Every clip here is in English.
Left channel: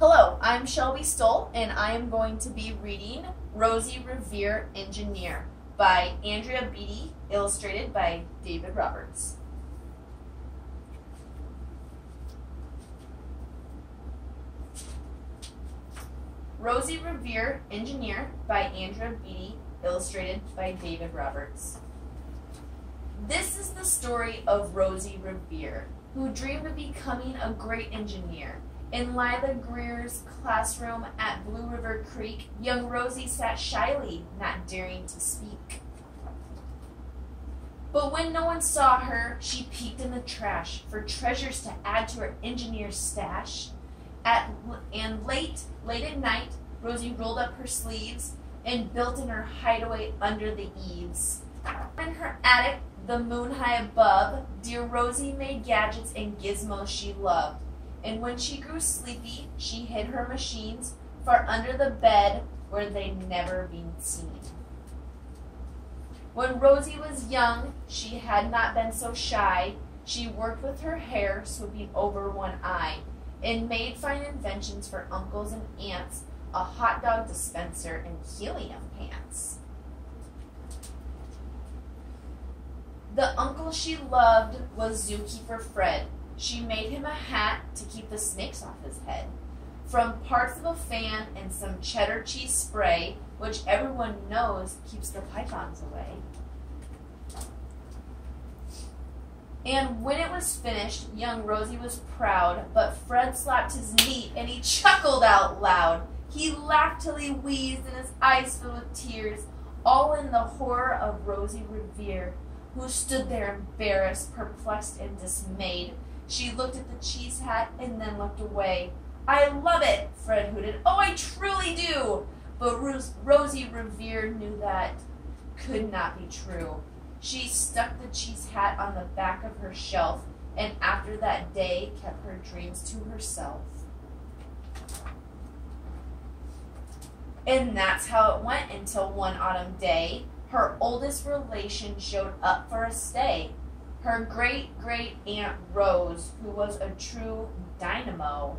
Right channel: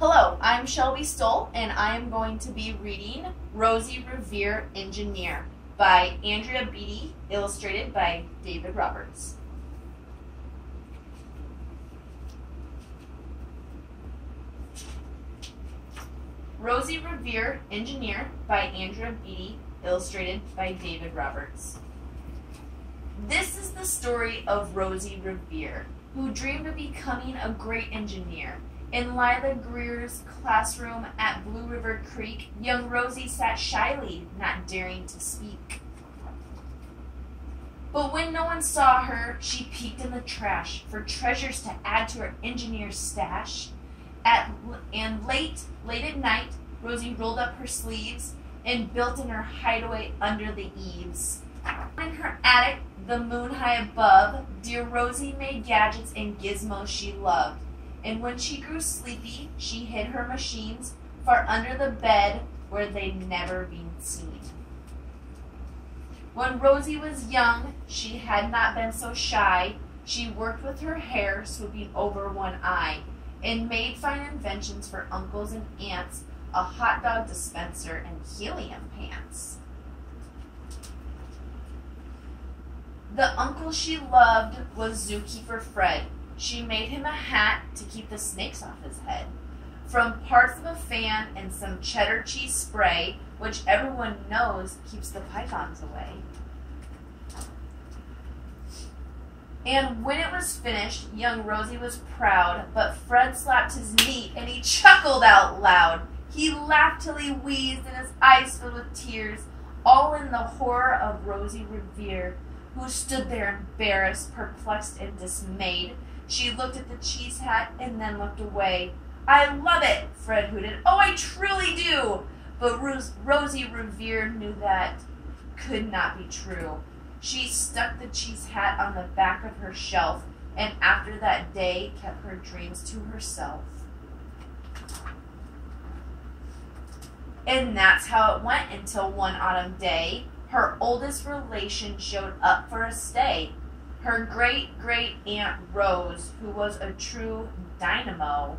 Hello, I'm Shelbie Stoll, and I am going to be reading Rosie, Revere, Engineer by Andrea Beatty, illustrated by David Roberts. Rosie, Revere, Engineer by Andrea Beatty, illustrated by David Roberts. This is the story of Rosie Revere, who dreamed of becoming a great engineer. In Lila Greer's classroom at Blue River Creek, young Rosie sat shyly, not daring to speak. But when no one saw her, she peeked in the trash for treasures to add to her engineer's stash. And late at night, Rosie rolled up her sleeves and built in her hideaway under the eaves. In her attic, the moon high above, dear Rosie made gadgets and gizmos she loved. And when she grew sleepy, she hid her machines far under the bed where they'd never been seen. When Rosie was young, she had not been so shy. She worked with her hair swooping over one eye and made fine inventions for uncles and aunts, a hot dog dispenser and helium pants. The uncle she loved was Zookeeper Fred. She made him a hat to keep the snakes off his head. From parts of a fan and some cheddar cheese spray, which everyone knows keeps the pythons away. And when it was finished, young Rosie was proud, but Fred slapped his knee and he chuckled out loud. He laughed till he wheezed and his eyes filled with tears, all in the horror of Rosie Revere, who stood there embarrassed, perplexed, and dismayed. She looked at the cheese hat and then looked away. "I love it," Fred hooted. "Oh, I truly do." But Rosie Revere knew that could not be true. She stuck the cheese hat on the back of her shelf, and after that day kept her dreams to herself. And that's how it went until one autumn day, her oldest relation showed up for a stay. Her great-great-aunt Rose, who was a true dynamo,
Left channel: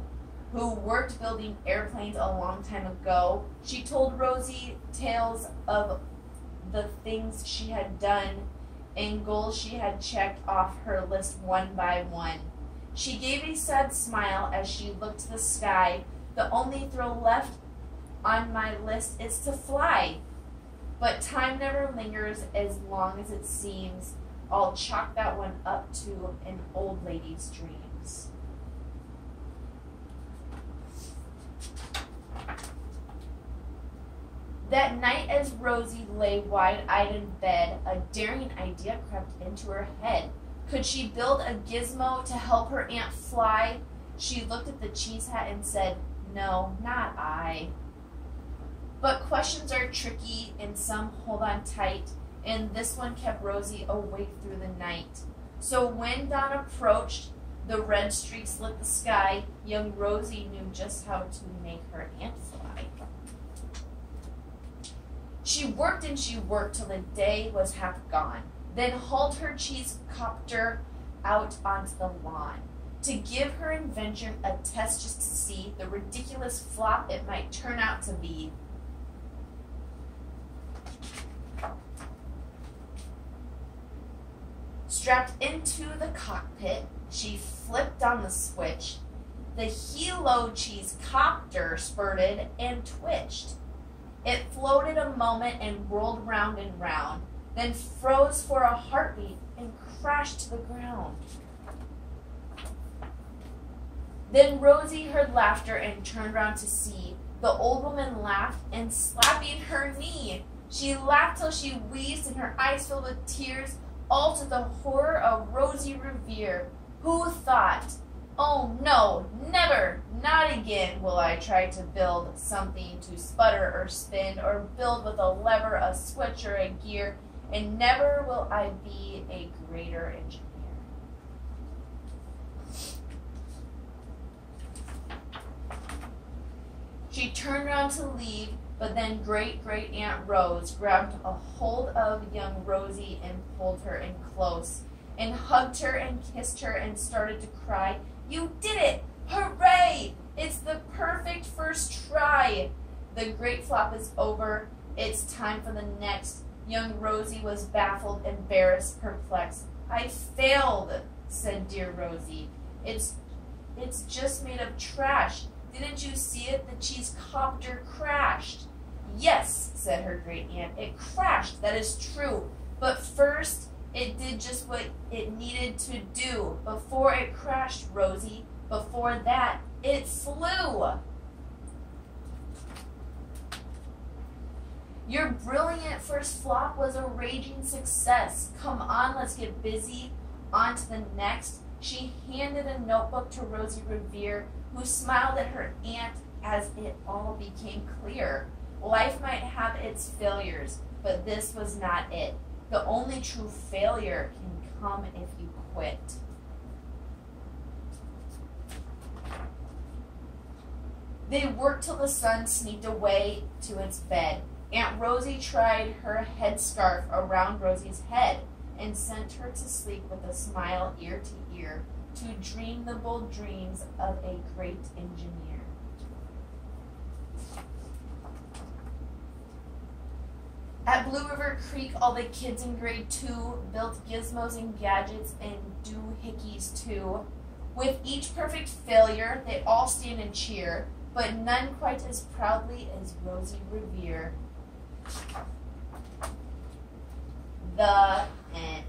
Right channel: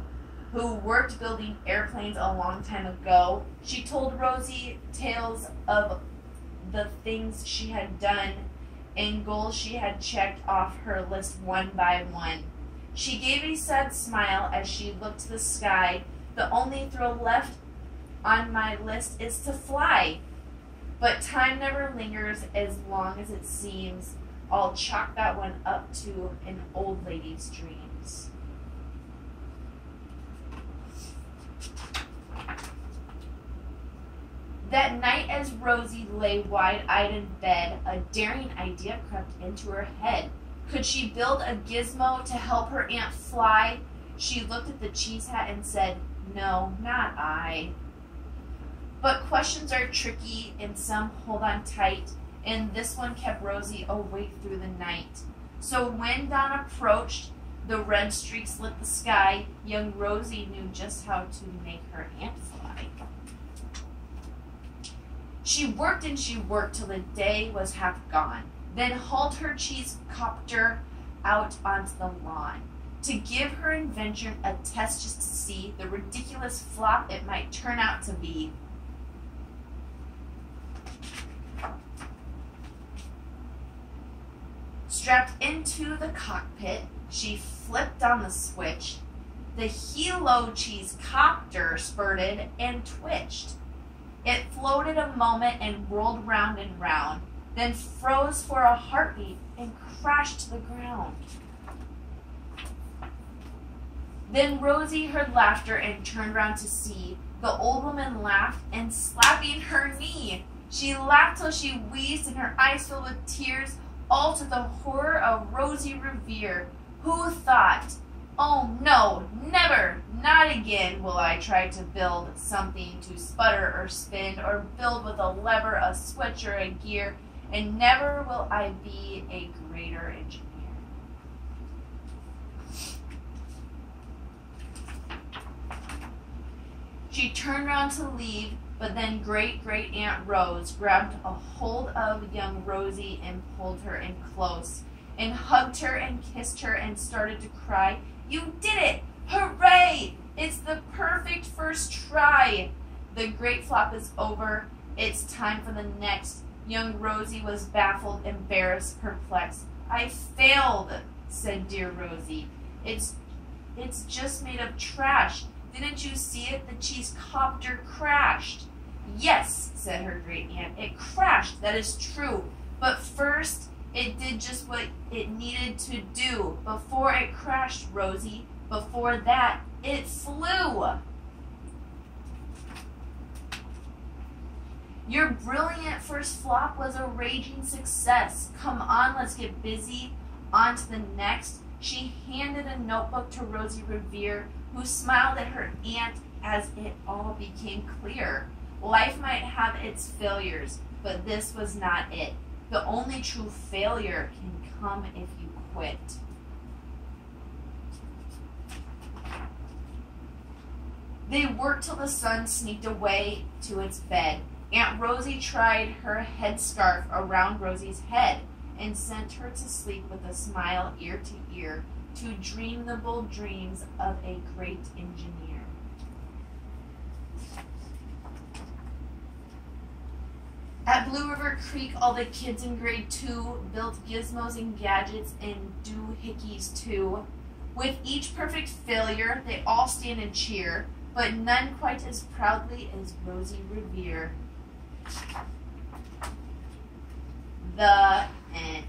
who worked building airplanes a long time ago, she told Rosie tales of the things she had done and goals she had checked off her list one by one. She gave a sad smile as she looked to the sky. "The only thrill left on my list is to fly. But time never lingers as long as it seems. I'll chalk that one up to an old lady's dreams." That night as Rosie lay wide-eyed in bed, a daring idea crept into her head. Could she build a gizmo to help her aunt fly? She looked at the cheese hat and said, "No, not I." But questions are tricky and some hold on tight, and this one kept Rosie awake through the night. So when dawn approached, the red streaks lit the sky, young Rosie knew just how to make her aunt fly. She worked and she worked till the day was half gone, then hauled her cheese copter out onto the lawn to give her invention a test just to see the ridiculous flop it might turn out to be. Strapped into the cockpit, she flipped on the switch. The helo cheese copter spurted and twitched. It floated a moment and rolled round and round, then froze for a heartbeat and crashed to the ground. Then Rosie heard laughter and turned round to see. The old woman laughed and slapping her knee. She laughed till she wheezed and her eyes filled with tears, all to the horror of Rosie Revere, who thought, "Oh no, never, not again will I try to build something to sputter or spin or build with a lever, a switch, or a gear, and never will I be a greater engineer." She turned round to leave, but then great-great-aunt Rose grabbed a hold of young Rosie and pulled her in close, and hugged her and kissed her and started to cry. "You did it! Hooray! It's the perfect The great flop is over. It's time for the next. Young Rosie was baffled, embarrassed, perplexed. I failed, said dear Rosie. It's just made of trash. Didn't you see it? The cheese copter crashed. Yes, said her great aunt. It crashed. That is true. But first, it did just what it needed to do. Before it crashed, Rosie, before that, it flew. Your brilliant first flop was a raging success. Come on, let's get busy. On to the next. She handed a notebook to Rosie Revere, who smiled at her aunt as it all became clear. Life might have its failures, but this was not it. The only true failure can come if you quit. They worked till the sun sneaked away to its bed. Aunt Rosie tried her headscarf around Rosie's head and sent her to sleep with a smile ear to ear, to dream the bold dreams of a great engineer. At Blue River Creek, all the kids in grade 2 built gizmos and gadgets and doohickeys too. With each perfect failure, they all stand and cheer, but none quite as proudly as Rosie Revere. The end.